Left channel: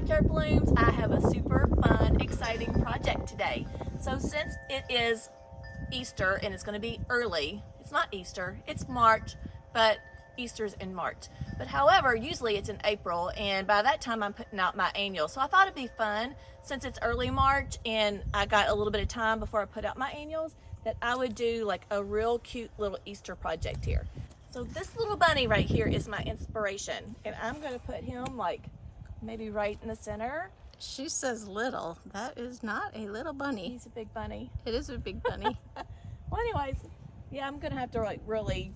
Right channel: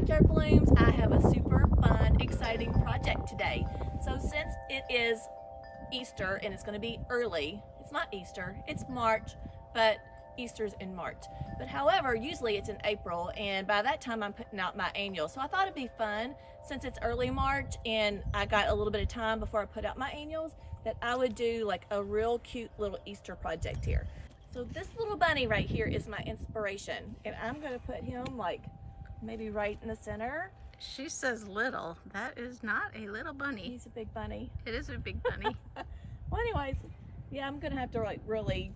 backyard blooms. I have a super fun, exciting project today. So since it is Easter and it's going to be early, it's not Easter, it's March, but Easter's in March. But however, usually it's in April, and by that time I'm putting out my annuals. So I thought it'd be fun, since it's early March and I got a little bit of time before I put out my annuals, that I would do like a real cute little Easter project here. So this little bunny right here is my inspiration, and I'm going to put him like maybe right in the center. She says little. That is not a little bunny. He's a big bunny. It is a big bunny. Well, anyways, yeah, I'm going to have to like really,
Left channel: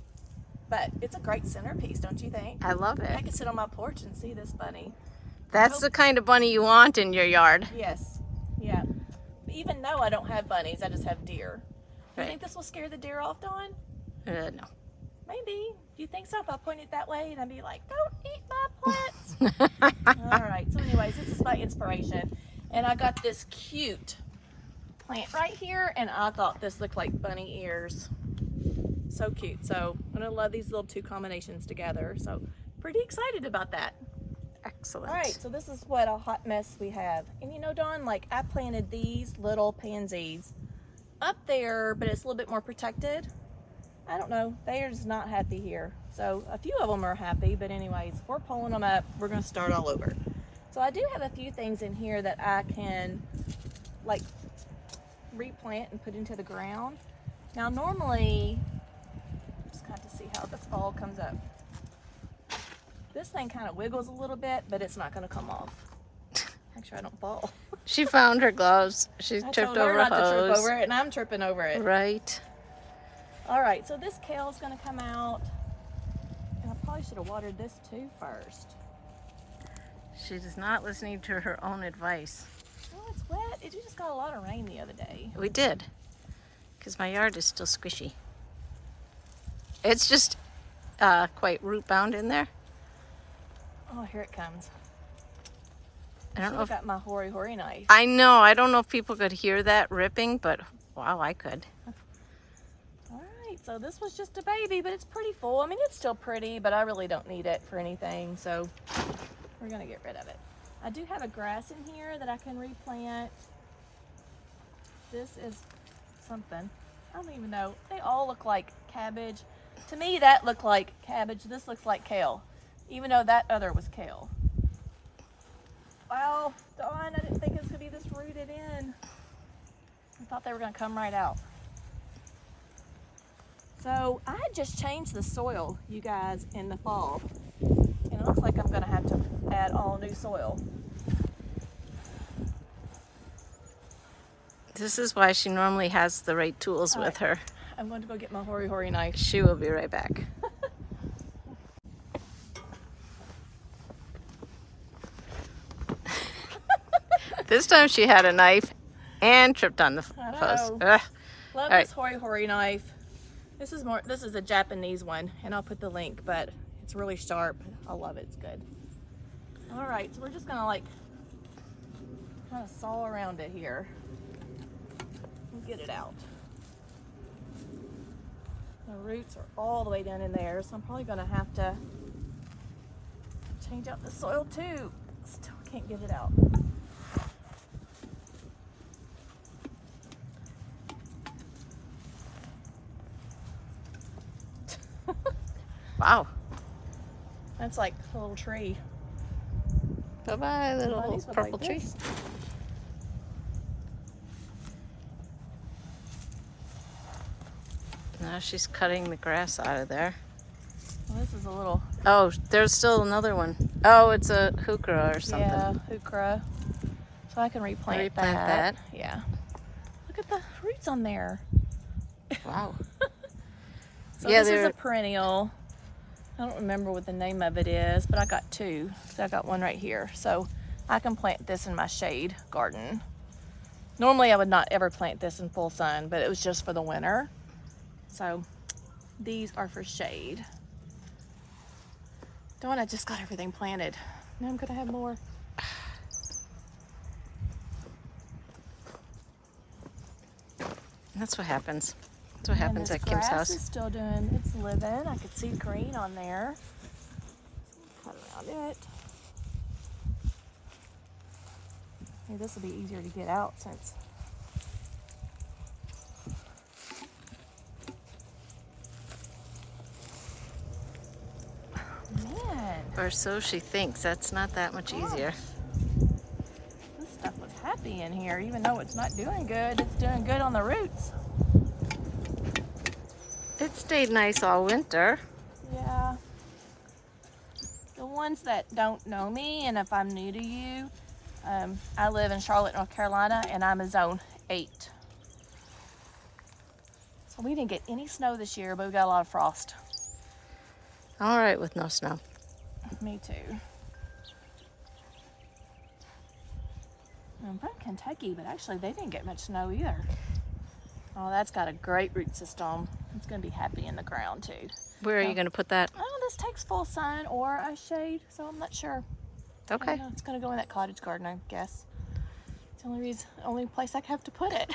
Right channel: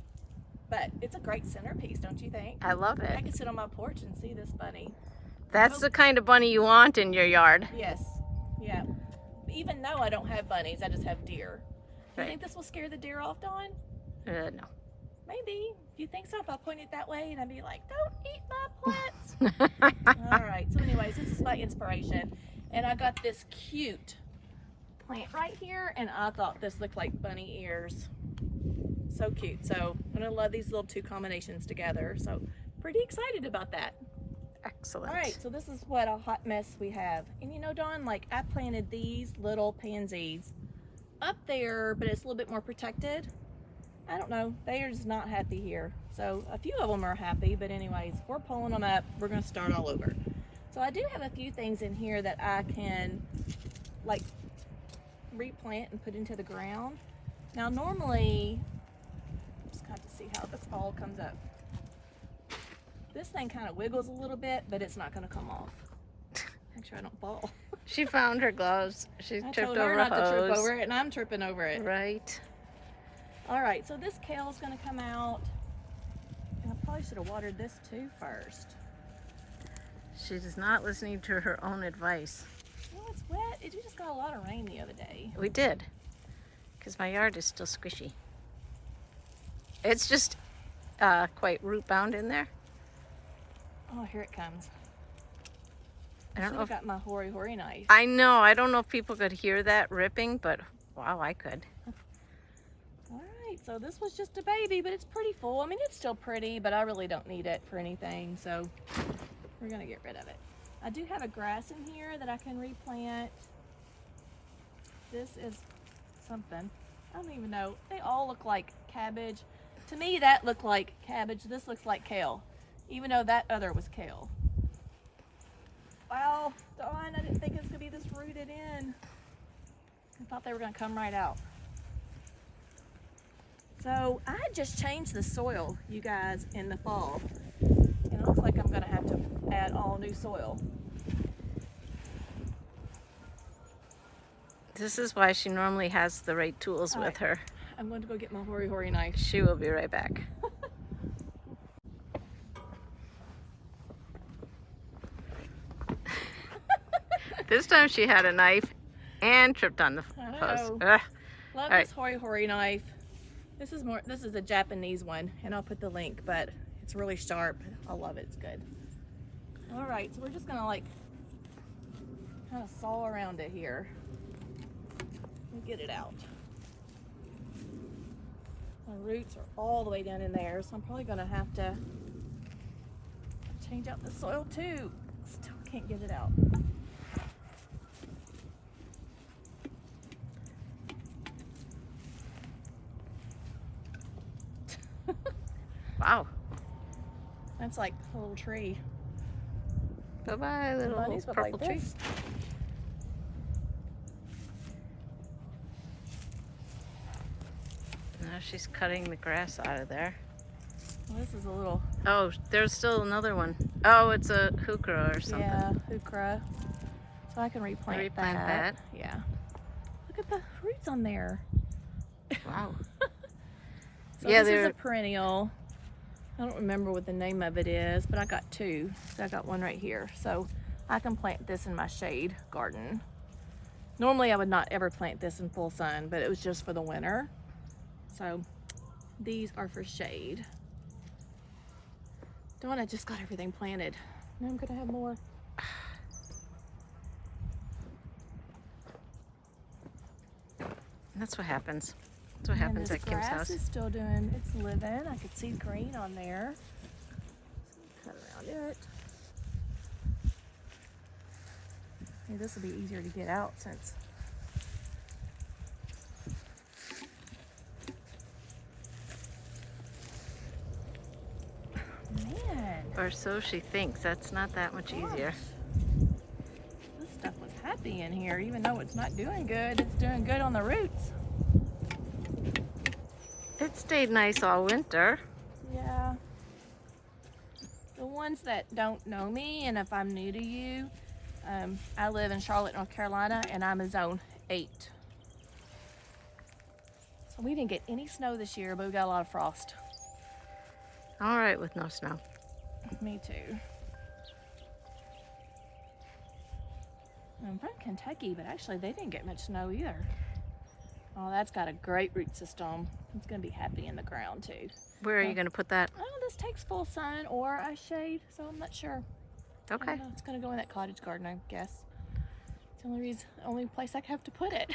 but it's a great centerpiece, don't you think? I love it. I could sit on my porch and see this bunny. That's the kind of bunny you want in your yard. Yes, yeah. Even though I don't have bunnies, I just have deer. Right. You think this will scare the deer off, Dawn? No. Maybe. Do you think so? If I point it that way and I'd be like, don't eat my plants. All right. So anyways, this is my inspiration. And I got this cute plant right here. And I thought this looked like bunny ears. So cute. So I'm going to love these little two combinations together. So pretty excited about that. Excellent. All right. So this is what a hot mess we have. And you know, Dawn, like I planted these little pansies up there, but it's a little bit more protected. I don't know, they're just not happy here. So a few of them are happy, but anyways, we're pulling them up. We're gonna start all over. So I do have a few things in here that I can like replant and put into the ground. Now normally, just kind of see how this all comes up. This thing kind of wiggles a little bit, but it's not gonna come off. Make sure I don't fall. She found her gloves. She tripped over a hose. To trip over it, and I'm tripping over it. Right. All right, so this kale's gonna come out, and I probably should have watered this too first. She is not listening to her own advice. Oh, it's wet. It just got a lot of rain the other day. We did, because my yard is still squishy. It's just quite root bound in there. Oh, here it comes. I don't know if got my hoary knife. I know. I don't know if people could hear that ripping, but wow, I could. All right, so this was just a baby, but it's pretty full. I mean, it's still pretty, but I really don't need it for anything, so we're gonna get rid of it. I do have a grass in here that I can replant. This is something. I don't even know. They all look like cabbage. To me, that looked like cabbage. This looks like kale, even though that other was kale. Wow, Dawn, I didn't think it was gonna be this rooted in. I thought they were gonna come right out. So I just changed the soil, you guys, in the fall. And it looks like I'm gonna have to add all new soil. This is why she normally has the right tools with her. I'm going to go get my hoary knife. She will be right back. This time she had a knife and tripped on the post. Love this hoary knife. This is a Japanese one, and I'll put the link, but it's really sharp. I love it. It's good. All right, so we're just gonna like kind of saw around it here and get it out. The roots are all the way down in there, so I'm probably gonna have to change out the soil too. Still can't get it out. Wow. That's like a little tree. Bye-bye, little purple like tree. Now she's cutting the grass out of there. Well, this is a little... Oh, there's still another one. Oh, it's a heuchera or something. Yeah, heuchera. So I can replant that. Yeah. Look at the roots on there. Wow. So yeah, this is a perennial. I don't remember what the name of it is, but I got two. So I got one right here. So I can plant this in my shade garden. Normally I would not ever plant this in full sun, but it was just for the winter. So these are for shade. Dawn, I just got everything planted. Now I'm gonna have more. That's what happens. That's what happens at Kim's house. Is still doing its living. I could see green on there. Cut around it. Maybe this will be easier to get out since. Man, Or so she thinks. That's not that much easier. this stuff was happy in here, even though it's not doing good. It's doing good on the roots. It stayed nice all winter. Yeah. The ones that don't know me, and if I'm new to you, I live in Charlotte, North Carolina, and I'm a zone 8. So we didn't get any snow this year, but we got a lot of frost. All right with no snow. Me too. I'm from Kentucky, but actually they didn't get much snow either. Oh, that's got a great root system. It's going to be happy in the ground too. Where are you going to put that? Oh, this takes full sun or a shade, so I'm not sure. Okay. I don't know, it's going to go in that cottage garden, I guess. It's the only place I have to put it.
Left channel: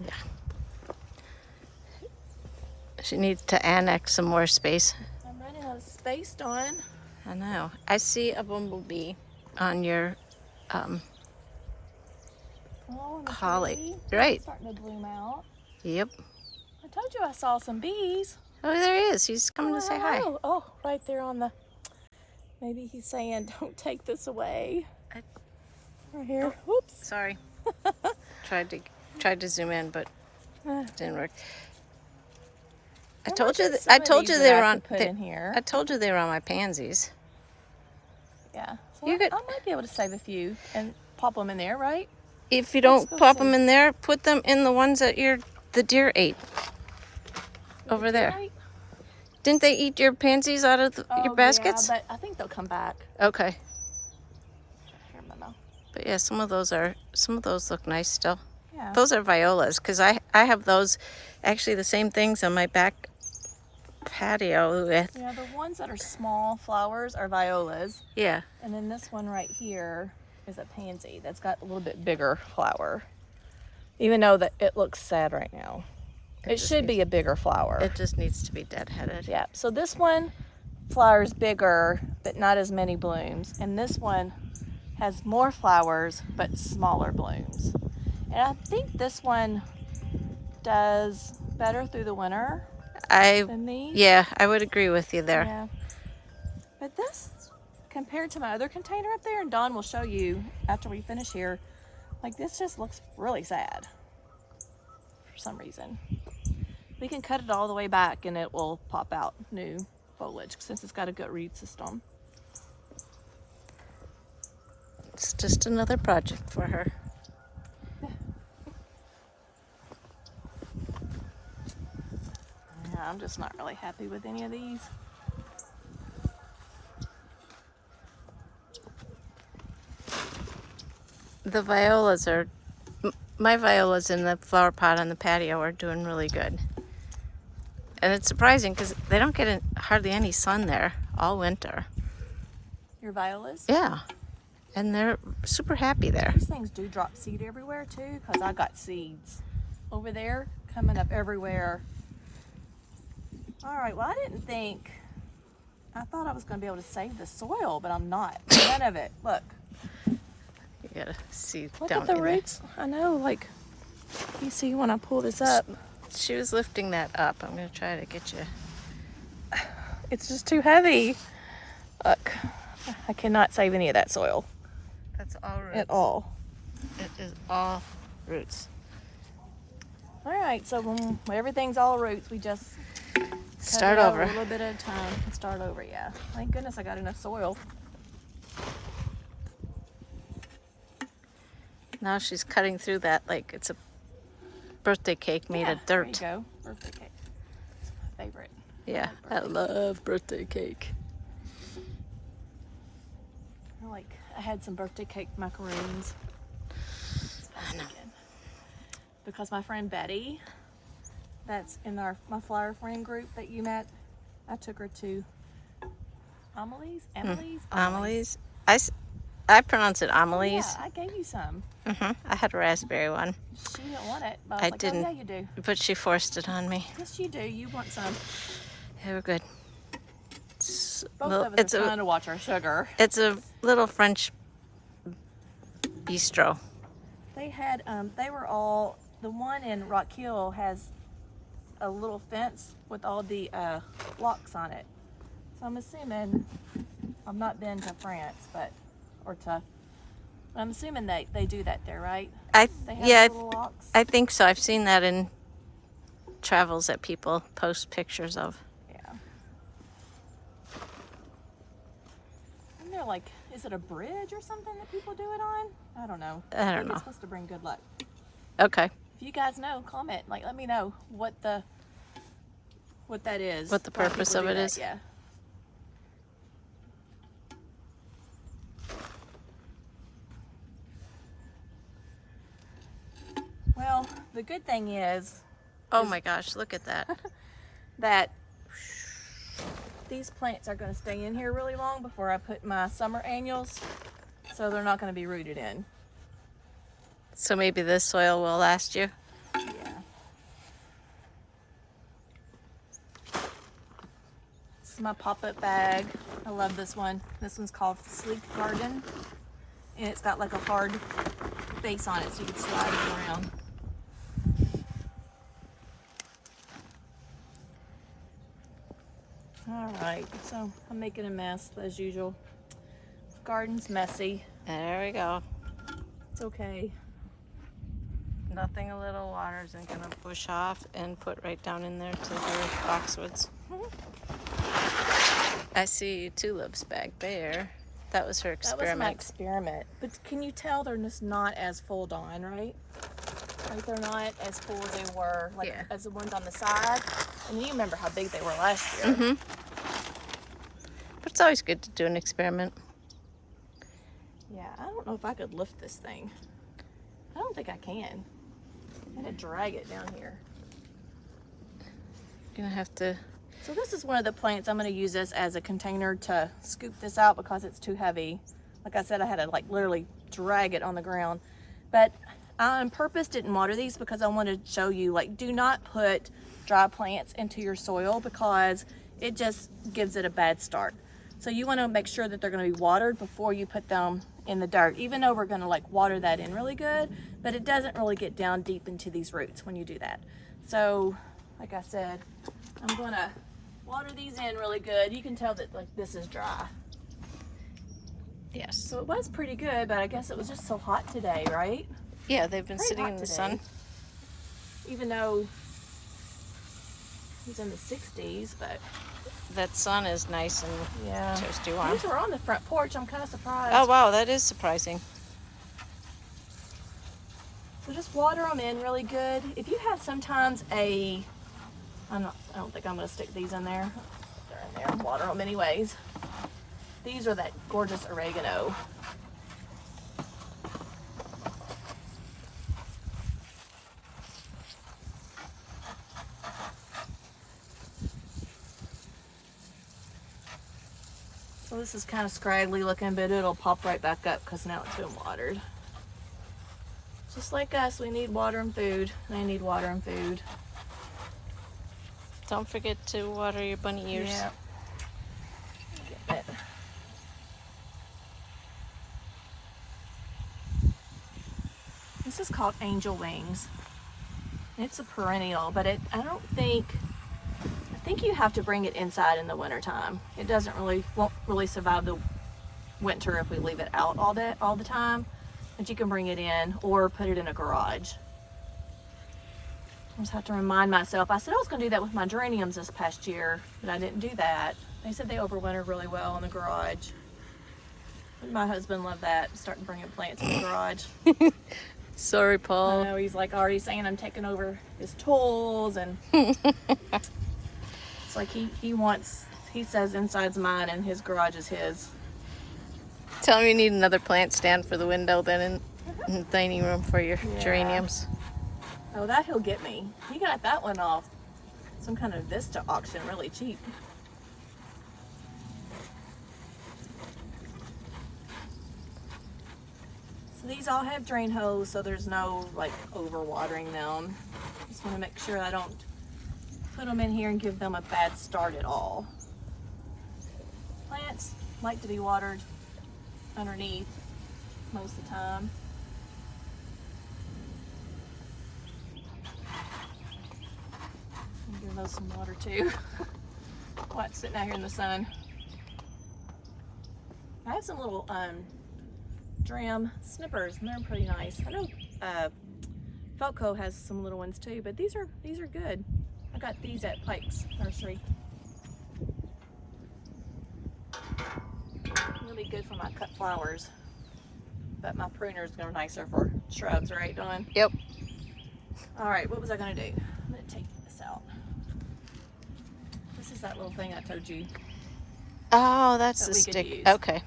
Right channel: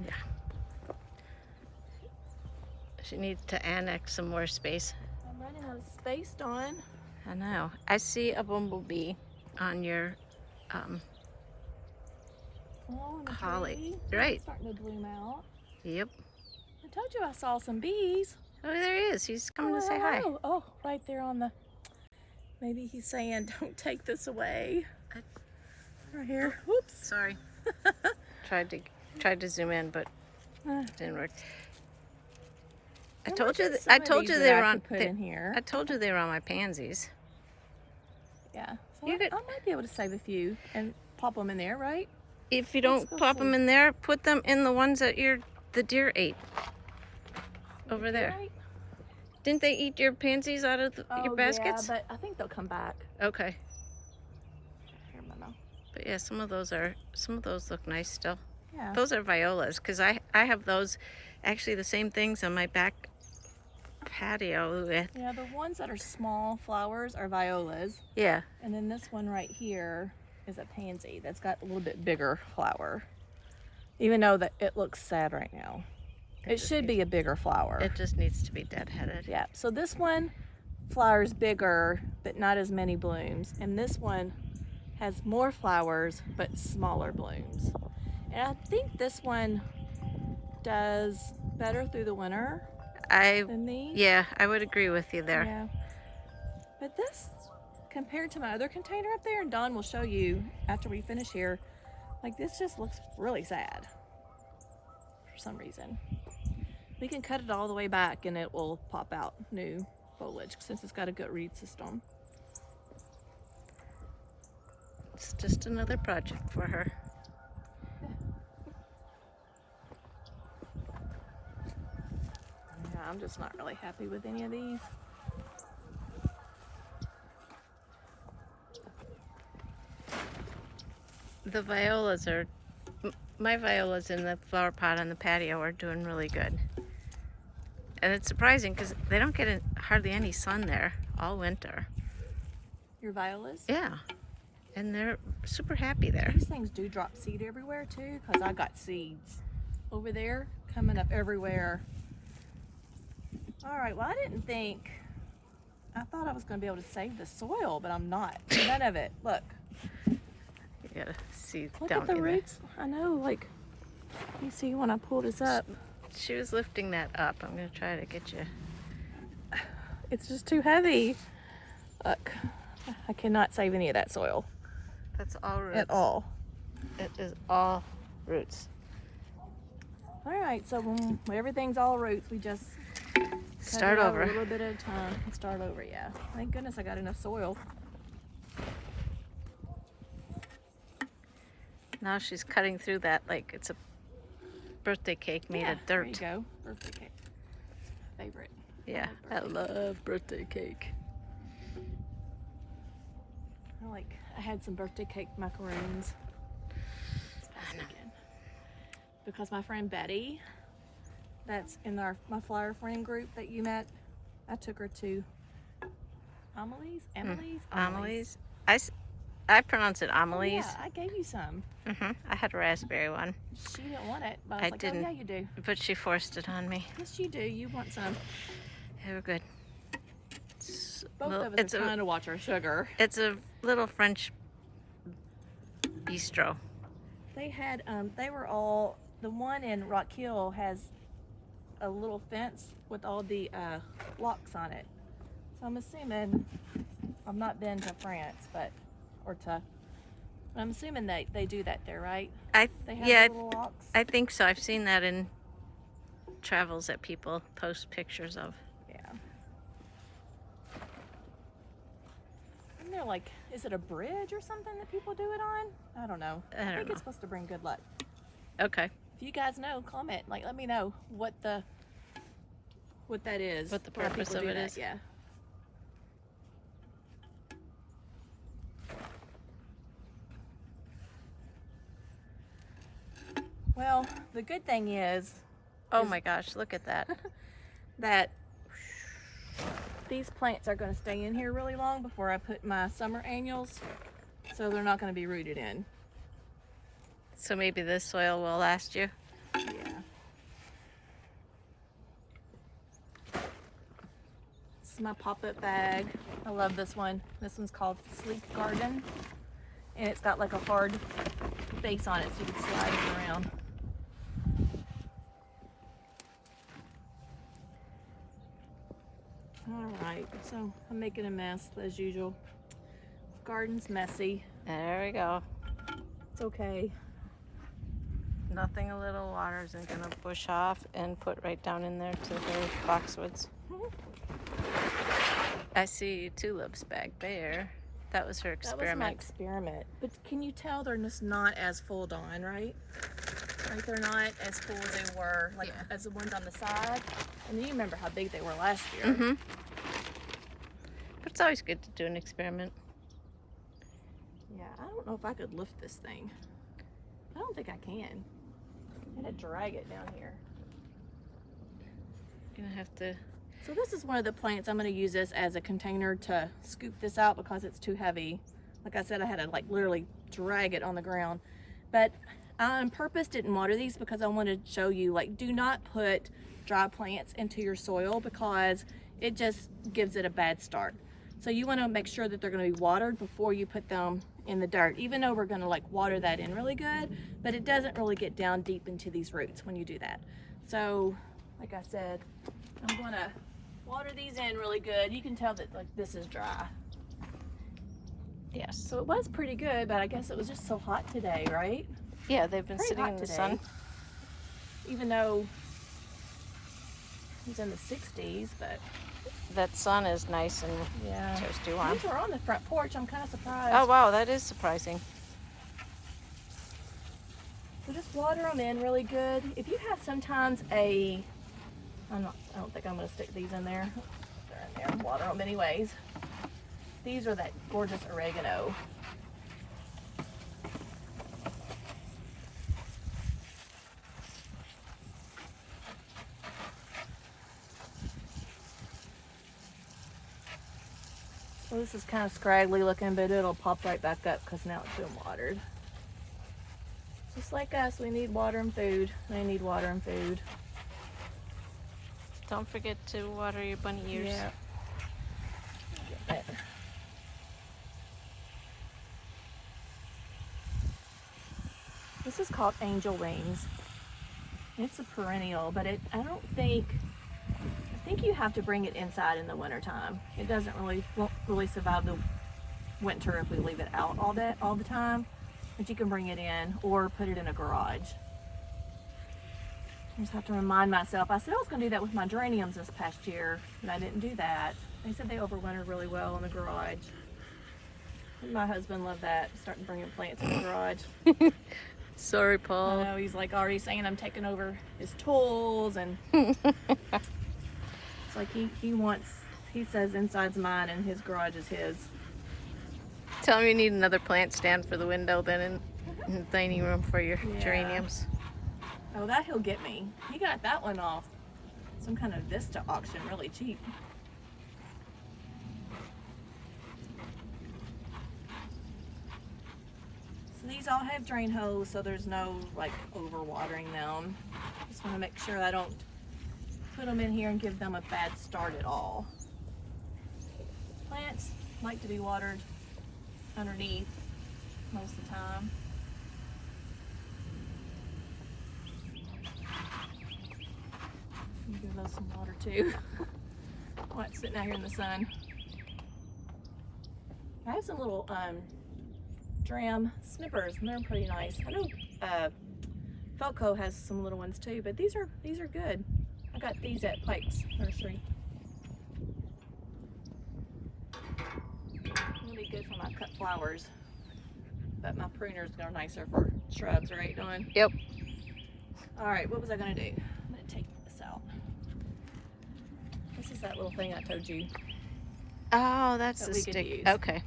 Yeah. She needs to annex some more space. I'm running out of space, Dawn. I know. I see a bumblebee on your Oh, and the collie. tree. Right. It's starting to bloom out. Yep. I told you I saw some bees. Oh, there he is. He's coming to say hi. Oh, right there on the. Maybe he's saying, "Don't take this away." Right here. Whoops. Sorry. tried to zoom in, but it didn't work. I told you they were on. Put in here. I told you they were on my pansies. Yeah. So You I could- might be able to save a few and pop them in there, right? If you don't go pop see. them in there, put them in the ones that the deer ate. Over there. Right? Didn't they eat your pansies out of your baskets? Yeah, but I think they'll come back. Okay. Here, Mama. But yeah, some of those look nice still. Yeah. Those are violas because I have those, actually the same things on my back patio with. Yeah, the ones that are small flowers are violas, Yeah. and then this one right here is a pansy that's got a little bit bigger flower. Even though that it looks sad right now. It just should be a bigger flower. It just needs to be deadheaded. Yeah, so this one flowers bigger, but not as many blooms. And this one has more flowers, but smaller blooms. And I think this one does better through the winter than these. Yeah, I would agree with you there. Yeah. But this, compared to my other container up there, and Dawn will show you after we finish here, like this just looks really sad for some reason. We can cut it all the way back and it will pop out new foliage since it's got a good root system. It's just another project for her. Yeah, I'm just not really happy with any of these. The violas my violas in the flower pot on the patio are doing really good. And it's surprising because they don't get hardly any sun there all winter. Your violas? Yeah. And they're super happy there. These things do drop seed everywhere too, because I got seeds over there coming up everywhere. All right, well, I didn't think, I thought I was going to be able to save the soil, but I'm not. None of it. Look. You gotta see Look down at the in there. roots. I know, like, you see when I pull this up. She was lifting that up. I'm gonna try to get you. It's just too heavy. Look, I cannot save any of that soil That's all roots. at all. It is all roots. All right, so when everything's all roots, we just Start cut it over. a little bit at a time and start over. Yeah. Thank goodness I got enough soil. Now she's cutting through that like it's a birthday cake made of dirt. There you go. Birthday cake. It's my favorite. Yeah, I love birthday cake. I had some birthday cake macaroons. This past weekend. Because my friend Betty, that's in my flower friend group that you met, I took her to Amelie's. I pronounce it Amelie's. Yeah, I gave you some. I had a raspberry one, She didn't want it, but I was I like, didn't. oh yeah, you do. but she forced it on me. Yes, you do. You want some. They were good. It's Both little- of us are trying to watch our sugar. It's a little French bistro. They had, they were all, the one in Rock Hill has a little fence with all the locks on it. So I'm assuming, I've not been to France, but, I'm assuming they do that there, right? They have Yeah, little locks. I think so. I've seen that in travels that people post pictures of. Yeah. Isn't there like, is it a bridge or something that people do it on? I don't know. I don't think know. it's supposed to bring good luck. Okay. If you guys know, comment. Like, let me know what that is. What the why purpose people of do it that. is. Yeah. Well, the good thing is Oh my gosh, look at that. that these plants are going to stay in here really long before I put my summer annuals, so they're not going to be rooted in. So maybe this soil will last you. Yeah. This is my pop-up bag. I love this one. This one's called Sleek Garden, and it's got like a hard base on it so you can slide it around. All right, so I'm making a mess as usual. Garden's messy. There we go. It's okay. Nothing a little water isn't gonna push off and put right down in there to her boxwoods. I see tulips back there. That was her That was my experiment. experiment. But can you tell they're just not as full on, right? Right, they're not as full as they were, like Yeah. as the ones on the side. And you remember how big they were last year. Mm-hmm. But it's always good to do an experiment. Yeah, I don't know if I could lift this thing. I don't think I can. I had to drag it down here. Gonna have to. So this is one of the plants. I'm going to use this as a container to scoop this out because it's too heavy. Like I said, I had to like literally drag it on the ground. But I on purpose didn't water these because I wanted to show you, like, do not put dry plants into your soil because it just gives it a bad start. So you want to make sure that they're going to be watered before you put them in the dirt, even though we're going to like water that in really good, but it doesn't really get down deep into these roots when you do that. So like I said, I'm going to water these in really good. You can tell that like this is dry. Yes. So it was pretty good, but I guess it was just so hot today, right? Yeah, they've been Pretty sitting hot in the today. sun. Even though it's in the 60s, but That sun is nice and yeah. toasty warm. These were on the front porch. I'm kind of surprised. Oh wow, that is surprising. So just water them in really good. If you have sometimes I don't think I'm going to stick these in there. They're in there. Water them anyways. These are that gorgeous oregano. So this is kind of scraggly looking, but it'll pop right back up because now it's been watered. Just like us, we need water and food. They need water and food. Don't forget to water your bunny ears. Yeah. Get it. This is called angel wings. It's a perennial, but I think you have to bring it inside in the wintertime. It won't really survive the winter if we leave it out all the time. But you can bring it in or put it in a garage. I just have to remind myself. I said I was going to do that with my geraniums this past year, but I didn't do that. They said they overwintered really well in the garage. And my husband loved that, starting bringing plants in the garage. Sorry, I Paul. know, he's like already saying I'm taking over his tools, and it's like he says inside's mine and his garage is his. Tell him you need another plant stand for the window then in the dining room for your Yeah. geraniums. Oh, that he'll get me. He got that one off some kind of Vista auction really cheap. So these all have drain holes, so there's no like over watering them. Just want to make sure I don't put them in here and give them a bad start at all. Plants like to be watered underneath most of the time. those some water too. While it's sitting out here in the sun. I have some little dram snippers, and they're pretty nice. I know Felco has some little ones too, but these are good. I got these at Pike's Nursery. It'll be good for my cut flowers, but my pruner's gonna be nicer for shrubs, right, Dawn? Yep. All right, what was I gonna do? I'm gonna take this out. This is that little thing I told you. Oh, that's That the we could stick. use. Okay.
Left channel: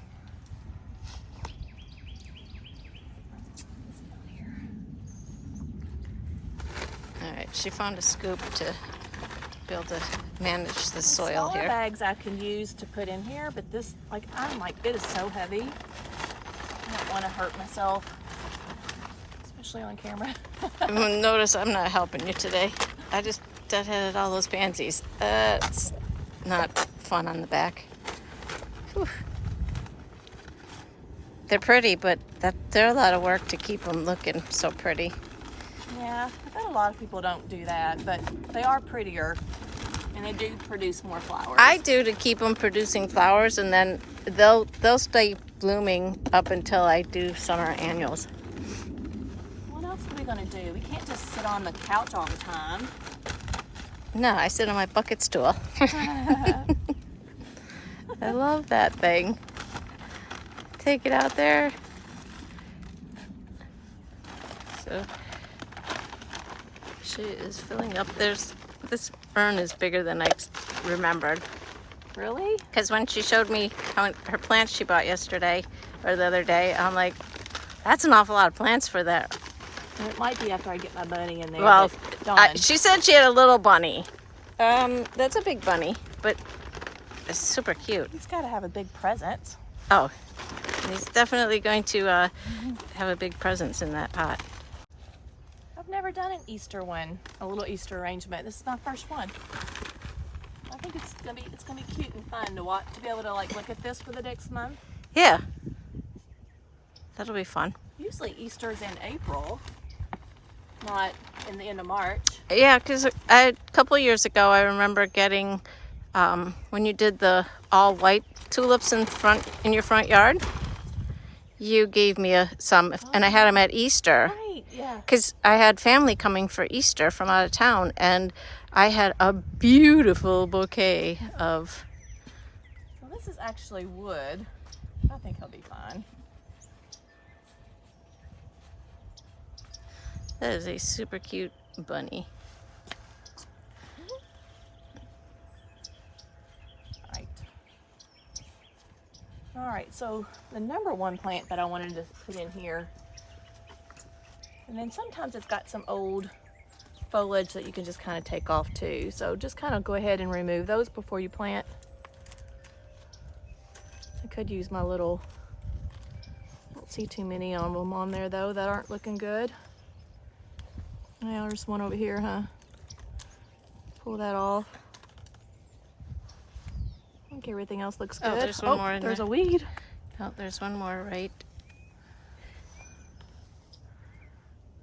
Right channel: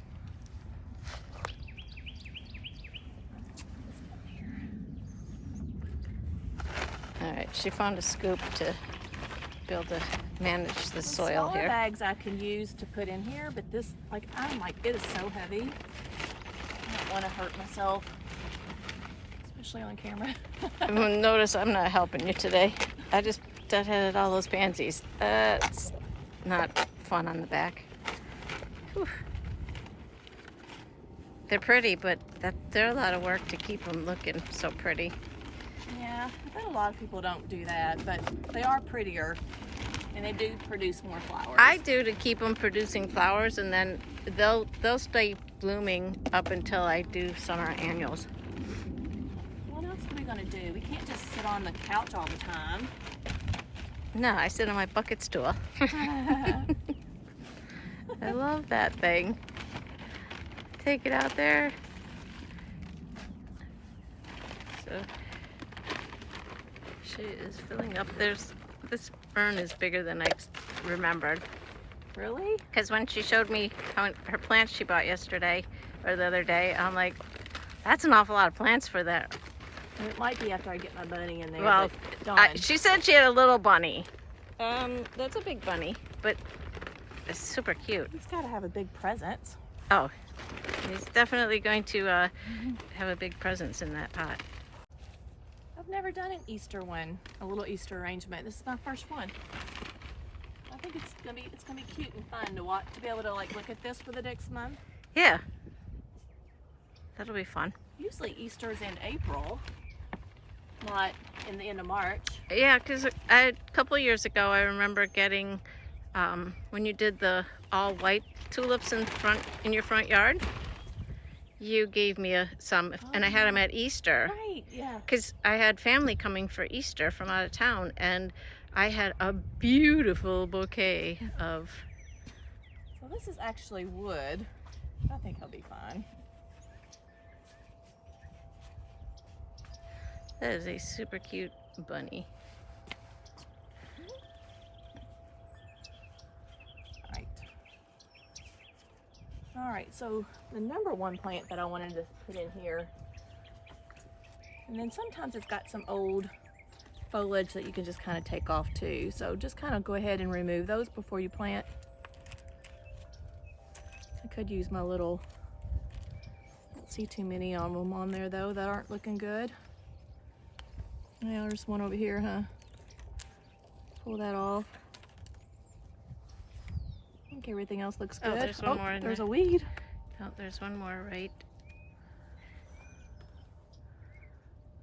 All right, she found a scoop to be able to manage the soil Smaller here. bags I can use to put in here, but this, like, I'm like, it is so heavy. I don't want to hurt myself, especially on camera. Notice I'm not helping you today. I just deadheaded all those pansies. It's not fun on the back. Whew. They're pretty, but they're a lot of work to keep them looking so pretty. Yeah, I bet a lot of people don't do that, but they are prettier, and they do produce more flowers. I do to keep them producing flowers, and then they'll stay blooming up until I do summer annuals. What else are we gonna do? We can't just sit on the couch all the time. No, I sit on my bucket stool. I love that thing. Take it out there. So she is filling up. This urn is bigger than I remembered. Really? Because when she showed me her plants she bought yesterday or the other day, I'm like, that's an awful lot of plants for that. It might be after I get my bunny in there. Well, but Dawn. she said she had a little bunny. That's a big bunny, but it's super cute. He's got to have a big presence. Oh, he's definitely going to have a big presence in that pot. I've never done an Easter one, a little Easter arrangement. This is my first one. I think it's gonna be cute and fun to watch, to be able to like look at this for the next month. Yeah, that'll be fun. Usually Easter's in April, not in the end of March. Yeah, because a couple of years ago, I remember getting when you did the all white tulips in your front yard. You gave me some, and I had them at Easter. Right, yeah. Because I had family coming for Easter from out of town, and I had a beautiful bouquet of. So this is actually wood. I think he'll be fine. That is a super cute bunny. All right, so the number one plant that I wanted to put in here, and then sometimes it's got some old foliage that you can just kind of take off too. So just kind of go ahead and remove those before you plant. I could use my little, I don't see too many of them on there though that aren't looking good. Now there's one over here, huh? Pull that off. I think everything else looks good. Oh, there's one more in there's there. a weed. Oh, there's one more, right?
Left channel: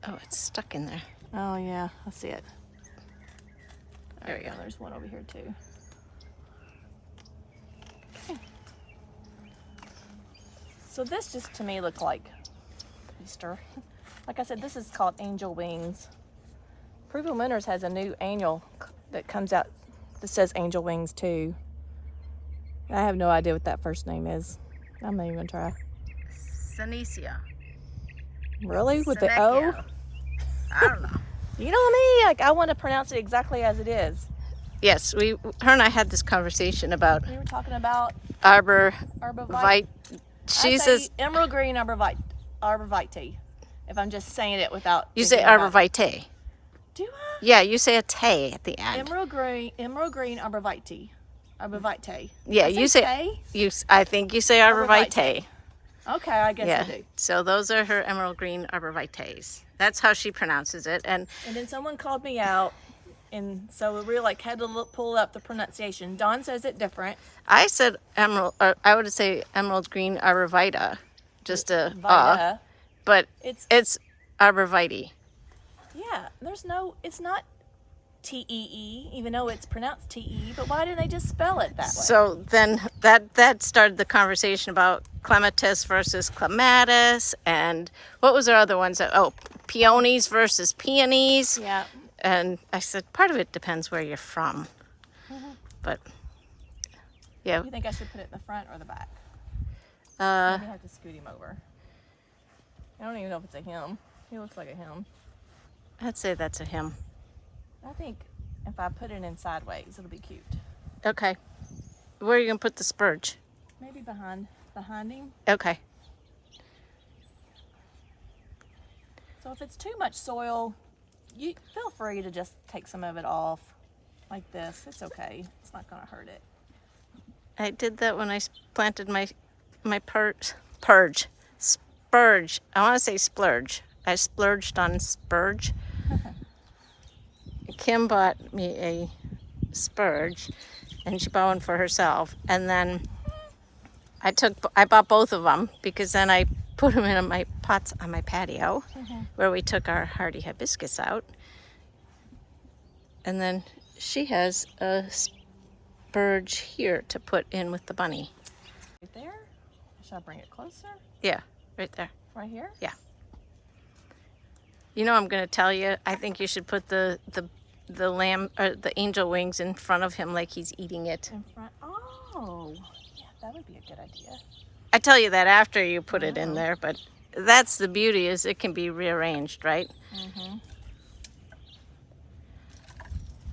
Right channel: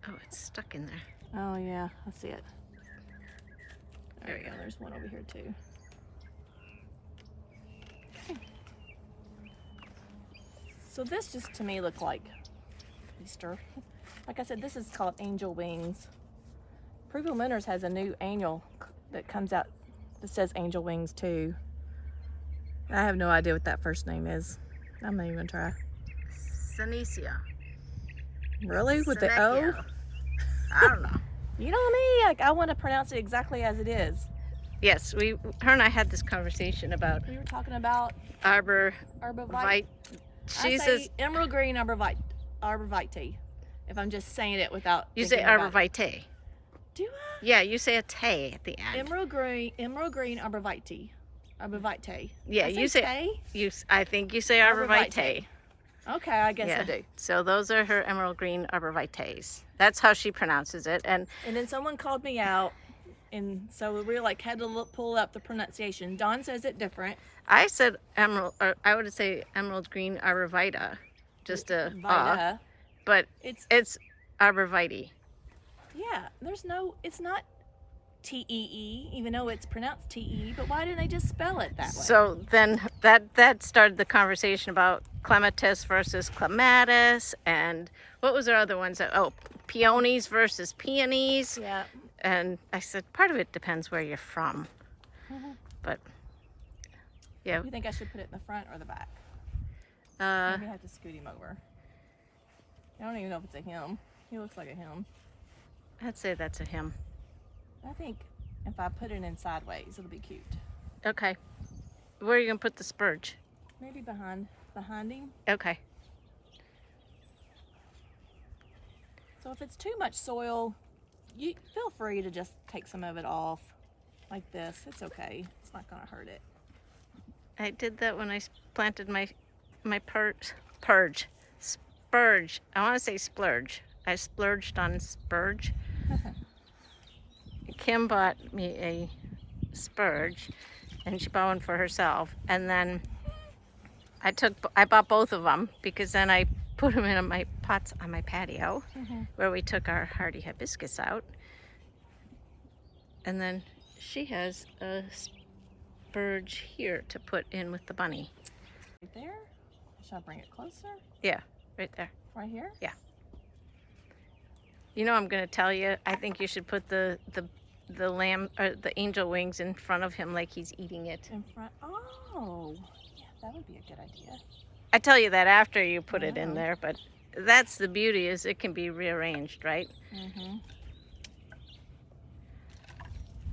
Oh, it's stuck in there. Oh yeah, I see it. There we go. There's one over here too. So this just to me looked like Easter. Like I said, this is called Angel Wings. Approval Winners has a new annual that comes out that says Angel Wings too. I have no idea what that first name is. I'm not even gonna try. Senecio. Really? With the O? Senecchio. I don't know. You know me, like I want to pronounce it exactly as it is. Yes, her and I had this conversation about We were talking about arbor arborvitae. vite. She I says say emerald green arborvitae. If I'm just saying it without. you say thinking about arbor it. vitae. Do I? Yeah, you say a tay at the end. Emerald green arborvitae. Arborvitae. Yeah, I you say tay? I think you say arbor Arborvitae. vitae. Okay, I guess Yeah. I do. So those are her emerald green arborvitaes. That's how she pronounces it. And And then someone called me out, and so we like had to pull up the pronunciation. Dawn says it different. I said emerald. I would say emerald green arborvitae, just a Vita. but It's it's arborvitae. yeah. There's no. It's not T-E-E, even though it's pronounced T-E, but why didn't they just spell it that way? So then that started the conversation about clematis versus clematis, and what was our other ones? Oh, peonies versus peonies. Yeah. And I said, part of it depends where you're from. But, yeah. You think I should put it in the front or the back? Uh, Maybe I have to scoot him over. I don't even know if it's a him. He looks like a him. I'd say that's a him. I think if I put it in sideways, it'll be cute. Okay. Where are you going to put the spurge? Maybe behind him. Okay. So if it's too much soil, you feel free to just take some of it off like this. It's okay. It's not going to hurt it. I did that when I planted my spurge. I want to say splurge. I splurged on spurge. Kim bought me a spurge, and she bought one for herself. And then I bought both of them because then I put them in my pots on my patio where we took our hardy hibiscus out. And then she has a spurge here to put in with the bunny. Right there? Should I bring it closer? Yeah, right there. Right here? Yeah. You know, I'm going to tell you, I think you should put the lamb or the angel wings in front of him like he's eating it. In front? Oh, yeah, that would be a good idea. I tell you that after you put it in there, but that's the beauty, is it can be rearranged, right?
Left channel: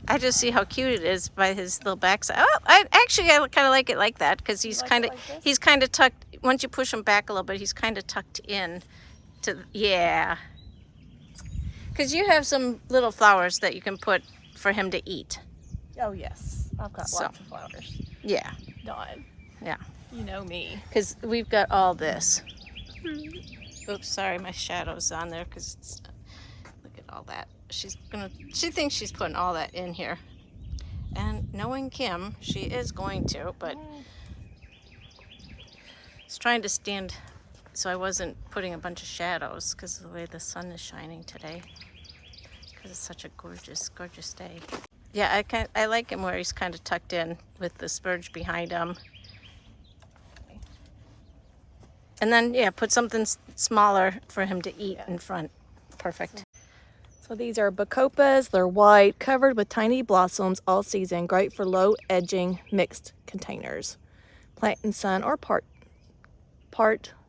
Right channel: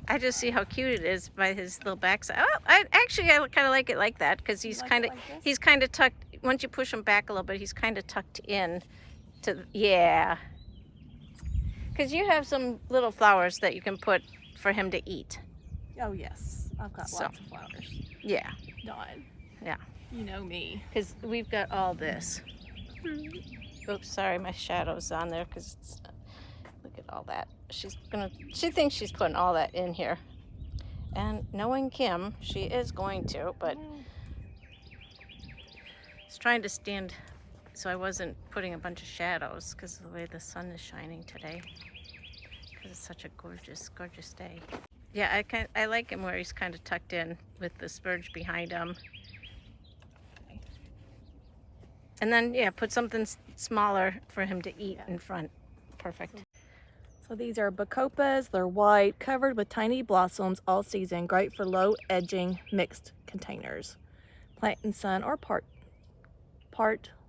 I just see how cute it is by his little backside. Oh, I kind of like it like that because he's kind of tucked. Once you push him back a little bit, he's kind of tucked in to, yeah. Because you have some little flowers that you can put for him to eat. Oh, yes. I've got lots of flowers. Yeah. Dawn. Yeah. You know me. Because we've got all this. Oops, sorry, my shadow's on there because look at all that. She thinks she's putting all that in here. And knowing Kim, she is going to, but it's trying to stand so I wasn't putting a bunch of shadows because of the way the sun is shining today. Because it's such a gorgeous, gorgeous day. Yeah, I like him where he's kind of tucked in with the spurge behind him. And then, yeah, put something smaller for him to eat in front. Perfect. So these are bacopas. They're white, covered with tiny blossoms all season. Great for low edging mixed containers. Plant in sun or part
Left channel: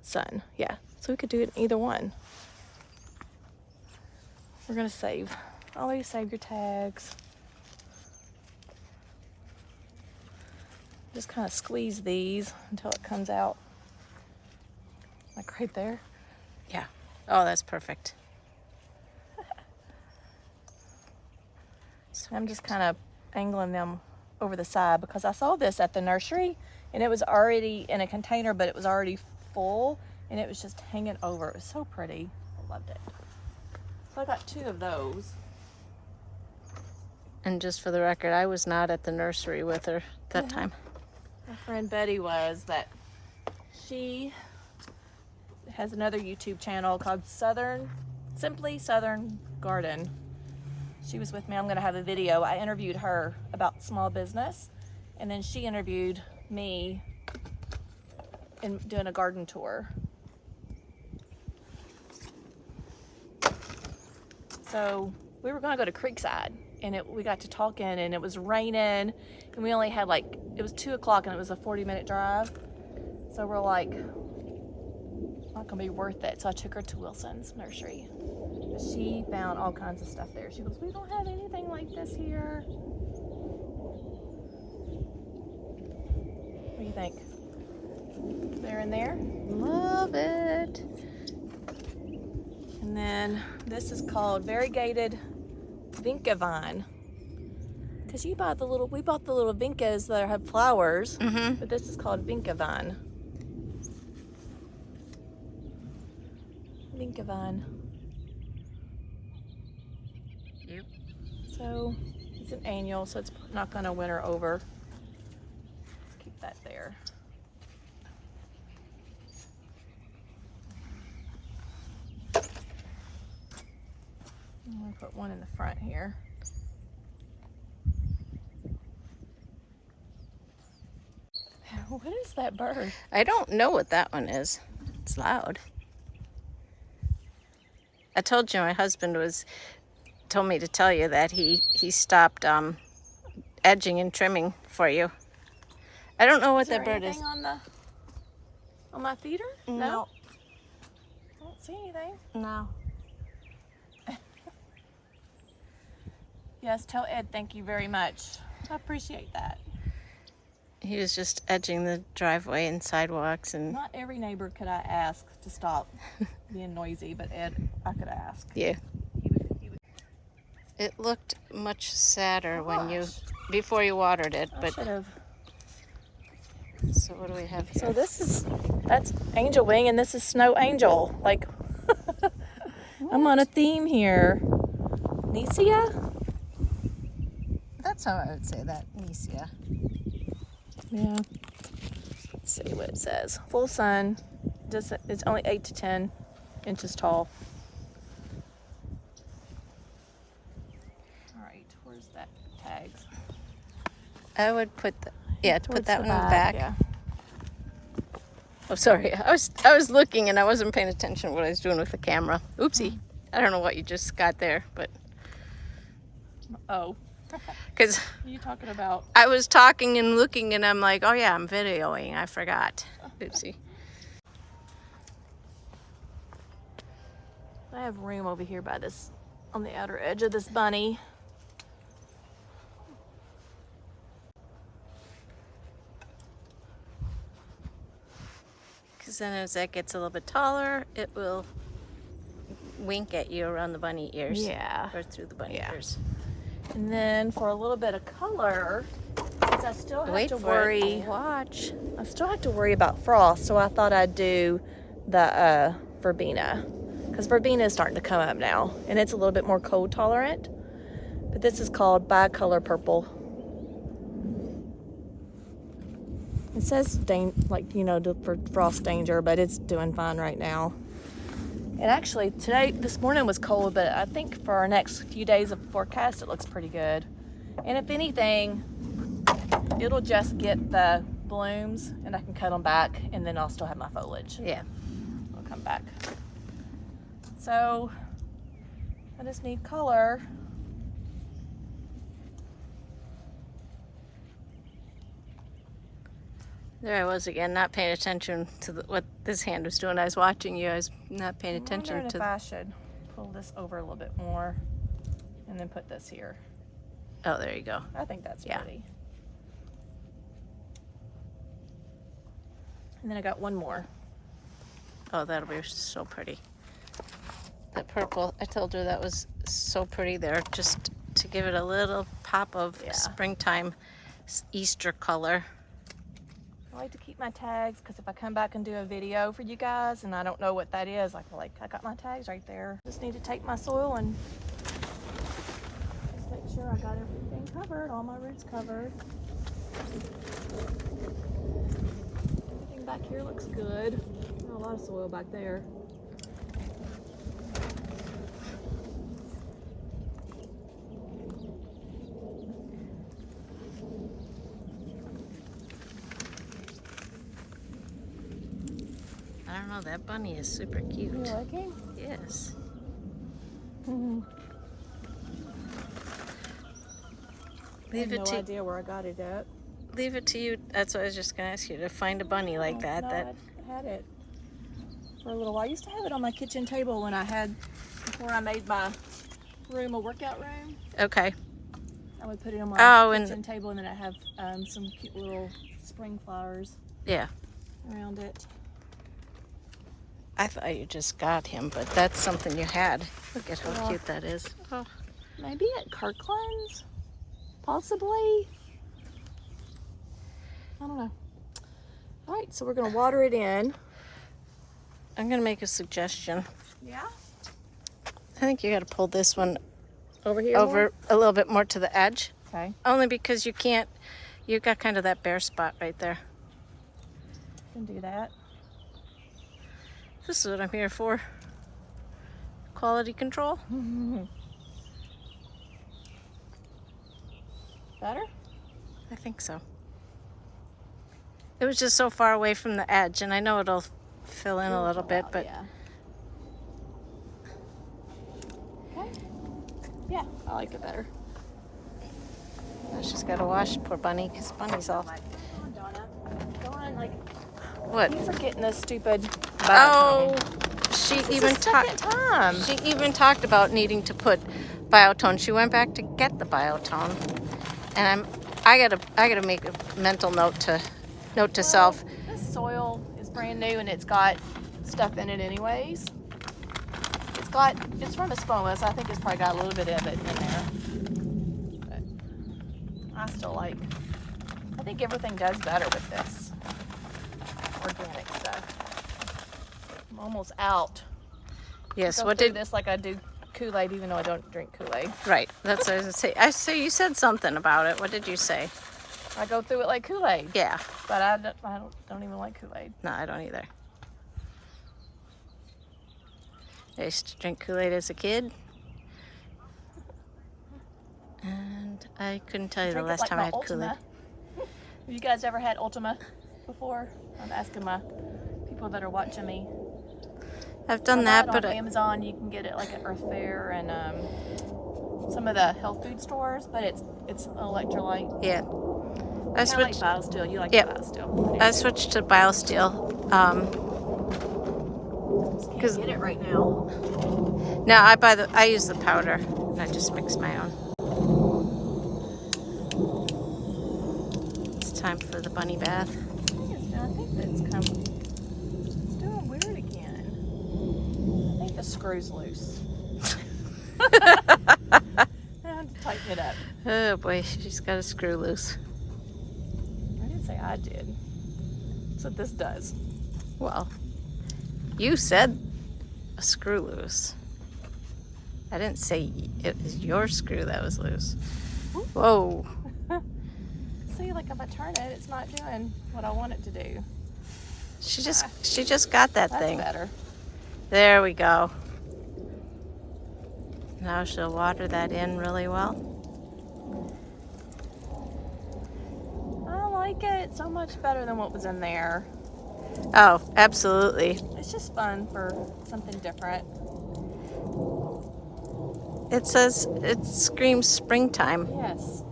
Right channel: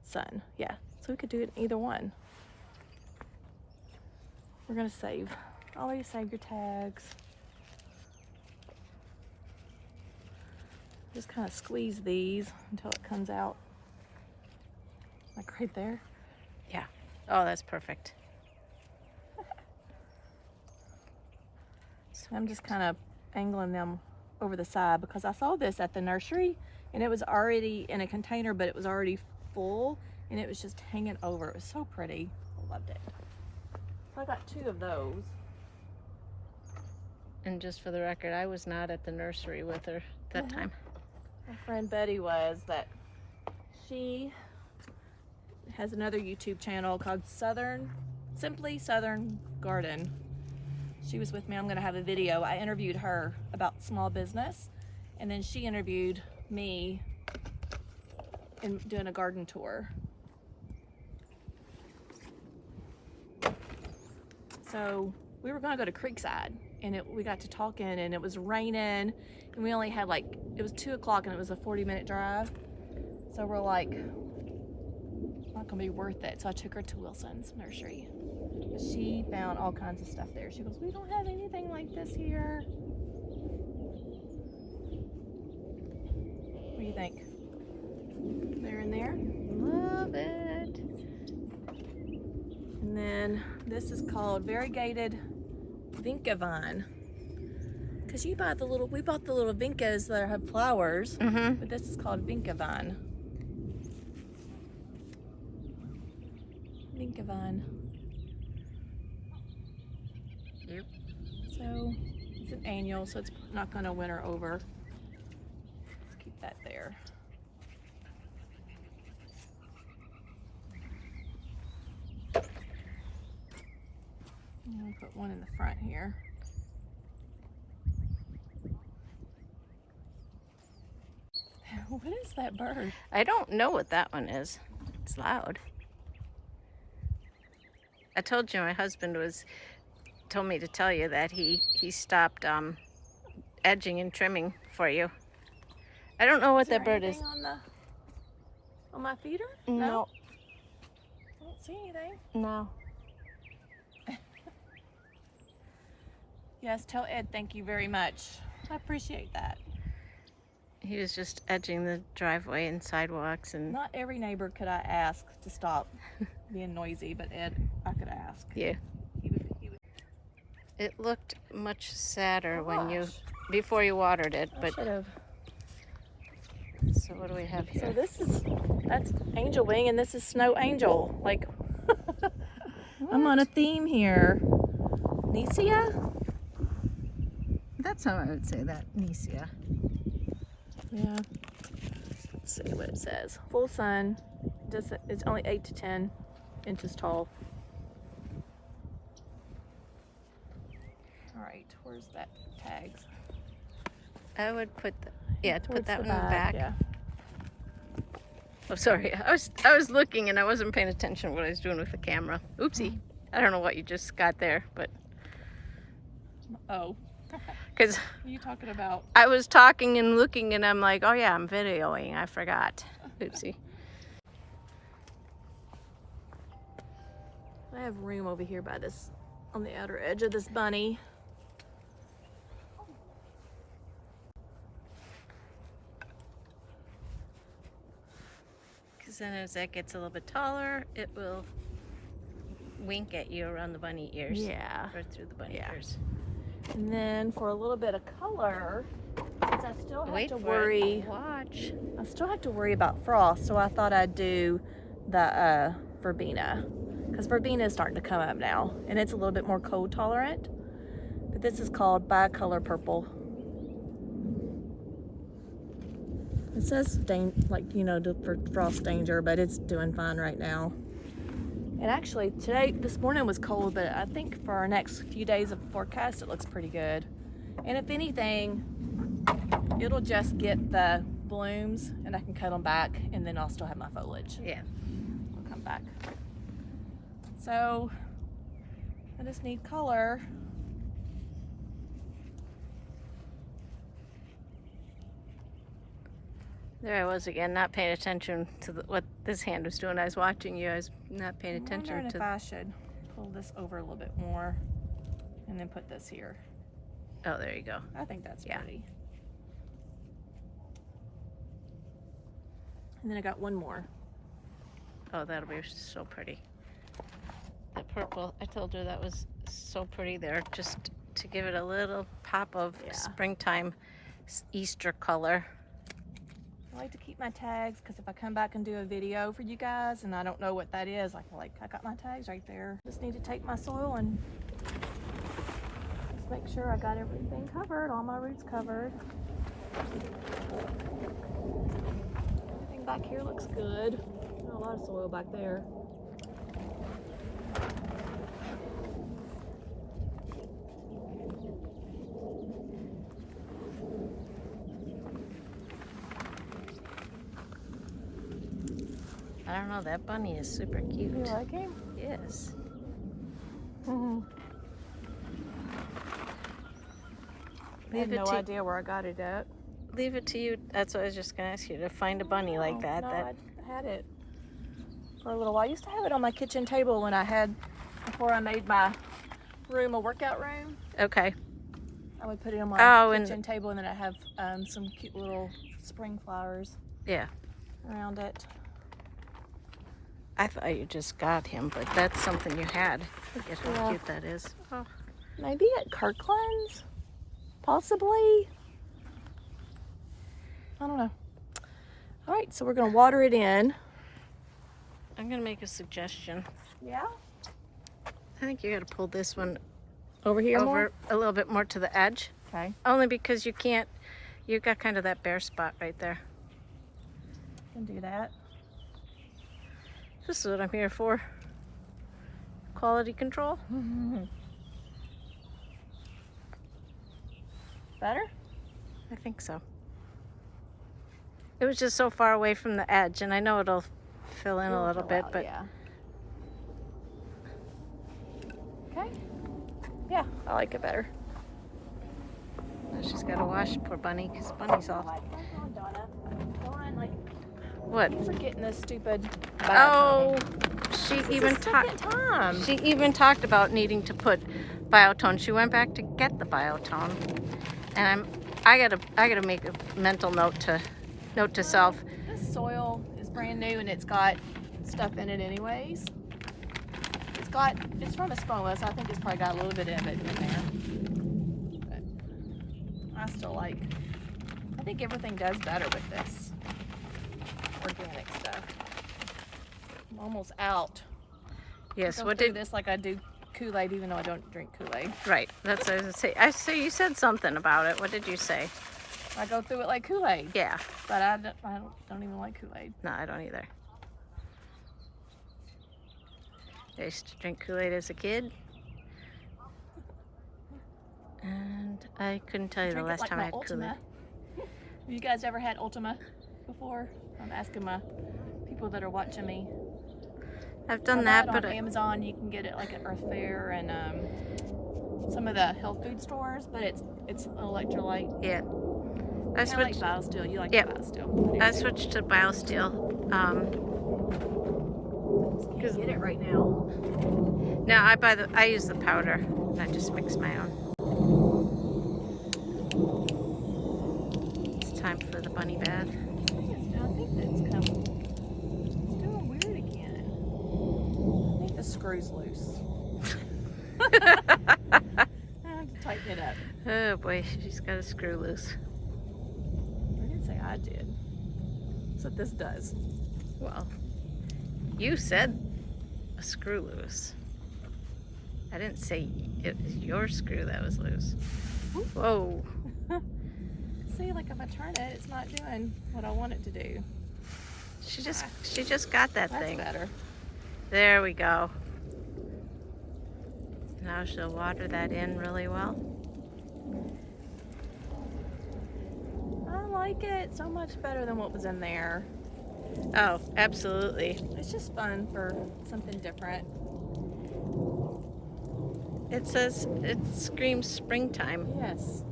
sun. Yeah, so we could do it in either one. We're gonna save. Always save your tags. Just kind of squeeze these until it comes out. Like right there. Yeah. Oh, that's perfect. I'm just kind of angling them over the side because I saw this at the nursery and it was already in a container, but it was already full and it was just hanging over. It was so pretty. I loved it. So I got 2 of those. And just for the record, I was not at the nursery with her that time. My friend Betty was. She has another YouTube channel called Simply Southern Garden. She was with me. I'm going to have a video. I interviewed her about small business, and then she interviewed me in doing a garden tour. So we were going to go to Creekside, and we got to talking, and it was raining, and we only had it was 2 o'clock, and it was a 40-minute drive. So we're like, not going to be worth it. So I took her to Wilson's nursery. She found all kinds of stuff there. She goes, we don't have anything like this here. What do you think? They're in there? Love it. And then this is called variegated vinca vine. Because we bought the little vincas that have flowers, but this is called vinca vine. Vinca vine. Yep. So it's an annual, so it's not going to winter over. Let's keep that there. I'm going to put one in the front here. What is that bird? I don't know what that one is. It's loud. I told you my husband told me to tell you that he stopped edging and trimming for you. I don't know what that bird is. On my feeder? No. I don't see anything. No. Yes, tell Ed thank you very much. I appreciate that. He was just edging the driveway and sidewalks and. Not every neighbor could I ask to stop being noisy, but Ed, I could ask. Yeah. He would. It looked much sadder Gosh. before you watered it, I but. should have. So what do we have here? So that's Angel Wing, and this is Snow Angel. Like, I'm on a theme here. Nicia? That's how I would say that, Nicia. Yeah. Let's see what it says. Full sun. It's only 8 to 10 inches tall. All right, where's that tags? I would put put that one in the back. Yeah. Oh, sorry. I was looking and I wasn't paying attention to what I was doing with the camera. Oopsie. I don't know what you just got there, but Oh. because What are you talking about? I was talking and looking and I'm like, oh yeah, I'm videoing. I forgot. Oopsie. I have room over here by this, on the outer edge of this bunny. Because then as that gets a little bit taller, it will wink at you around the bunny ears. Yeah. Or through the bunny ears. And then for a little bit of color, since I still have Wait to for worry. it. Watch. I still have to worry about frost, so I thought I'd do the verbena, because verbena is starting to come up now, and it's a little bit more cold tolerant. But this is called bicolor purple. It says for frost danger, but it's doing fine right now. And actually, this morning was cold, but I think for our next few days of forecast, it looks pretty good. And if anything, it'll just get the blooms, and I can cut them back, and then I'll still have my foliage. Yeah. I'll come back. So, I just need color. There I was again, not paying attention to what this hand was doing. I was watching you. I was not paying attention I'm to. wondering if I should pull this over a little bit more, and then put this here. Oh, there you go. I think that's pretty. And then I got one more. Oh, that'll be so pretty. The purple, I told her that was so pretty there, just to give it a little pop of springtime Easter color. I like to keep my tags, because if I come back and do a video for you guys and I don't know what that is, I got my tags right there. Just need to take my soil and just make sure I got everything covered, all my roots covered. Everything back here looks good. Not a lot of soil back there. I don't know, that bunny is super cute. You like him? Yes. I have no idea where I got it at. Leave it to you. That's what I was just going to ask you, to find a bunny like that. No, I had it for a little while. I used to have it on my kitchen table before I made my room a workout room. Okay. I would put it on my kitchen table, and then I have some cute little spring flowers. Yeah. Around it. I thought you just got him, but that's something you had. Look at how cute that is. Oh. Maybe at Kirkland's, possibly. I don't know. All right, so we're gonna water it in. I'm gonna make a suggestion. Yeah. I think you got to pull this one Over here. over a little bit more to the edge. Okay. Only because you've got kind of that bare spot right there. Can do that. This is what I'm here for. Quality control. Better? I think so. It was just so far away from the edge, and I know it'll fill in a little bit, but yeah. Okay. Yeah, I like it better. now she's got to wash poor Bunny because Bunny's all. Dawn, like, What? you forgetting this stupid. Oh, she even talked. talked. She even talked about needing to put biotone. She went back to get the biotone, and I gotta make a mental note to self. This soil is brand new and it's got stuff in it anyways. It's from Espumas. I think it's probably got a little bit of it in there. But I think everything does better with this organic stuff. I'm almost out. Yes. What did this like I do Kool-Aid, even though I don't drink Kool-Aid. Right. That's what I was gonna say. I say you said something about it. What did you say? I go through it like Kool-Aid. Yeah. But I don't even like Kool-Aid. No, I don't either. I used to drink Kool-Aid as a kid. And I couldn't tell you the last time I had Kool-Aid. Have you guys ever had Ultima before? I'm asking my people that are watching me. I've done that, but on Amazon you can get it like at Earth Fair and some of the health food stores, but it's an electrolyte. yeah. I I like switched. BioSteel. You like Yep. BioSteel? I switched to BioSteel. Can't get it right now. No, I use the powder and I just mix my own. It's time for the bunny bath. I think it's coming. It's doing weird again. I think the screw's loose. I have to tighten it up. Oh boy, she's got a screw loose. I didn't say I did. That's what this does. Well, you said a screw loose. I didn't say it was your screw that was loose. Whoa. See, like if I turn it, it's not doing what I want it to do. She just got that That's thing. better. There we go. Now she'll water that in really well. I like it so much better than what was in there. Oh, absolutely. It's just fun for something different. It screams springtime. Yes.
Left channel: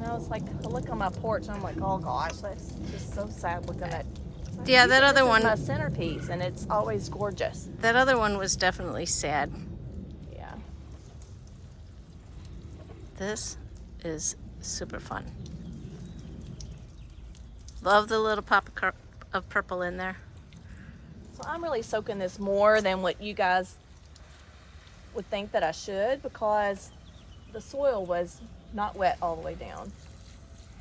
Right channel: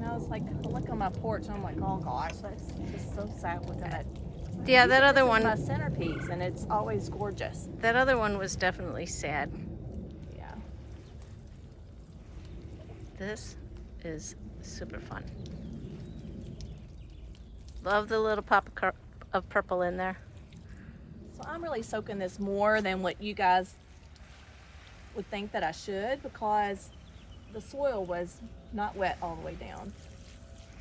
Now it's like I look on my porch and I'm like, oh gosh, that's just so sad looking at. Yeah, that other This is one. my centerpiece, and it's always gorgeous. That other one was definitely sad. Yeah. This is super fun. Love the little pop of purple in there. So I'm really soaking this more than what you guys would think that I should, because the soil was not wet all the way down.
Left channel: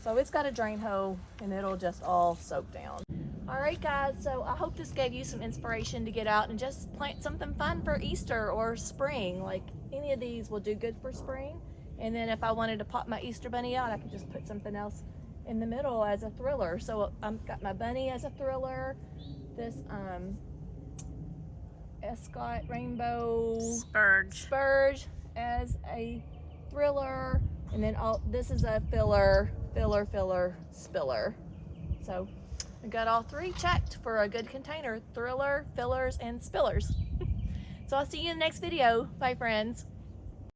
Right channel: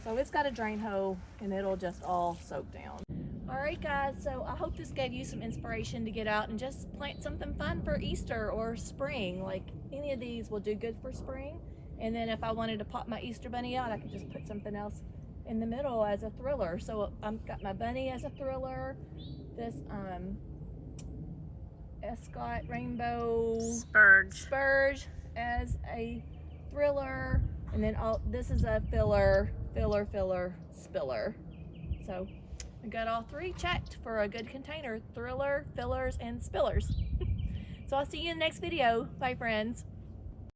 So it's got a drain hole and it'll just all soak down. All right guys, so I hope this gave you some inspiration to get out and just plant something fun for Easter or spring. Like any of these will do good for spring. And then if I wanted to pop my Easter bunny out, I could just put something else in the middle as a thriller. So I've got my bunny as a thriller, this Escot rainbow spurge as a thriller, and then this is a filler, spiller. So I got all three checked for a good container: thriller, fillers, and spillers. So I'll see you in the next video. Bye friends.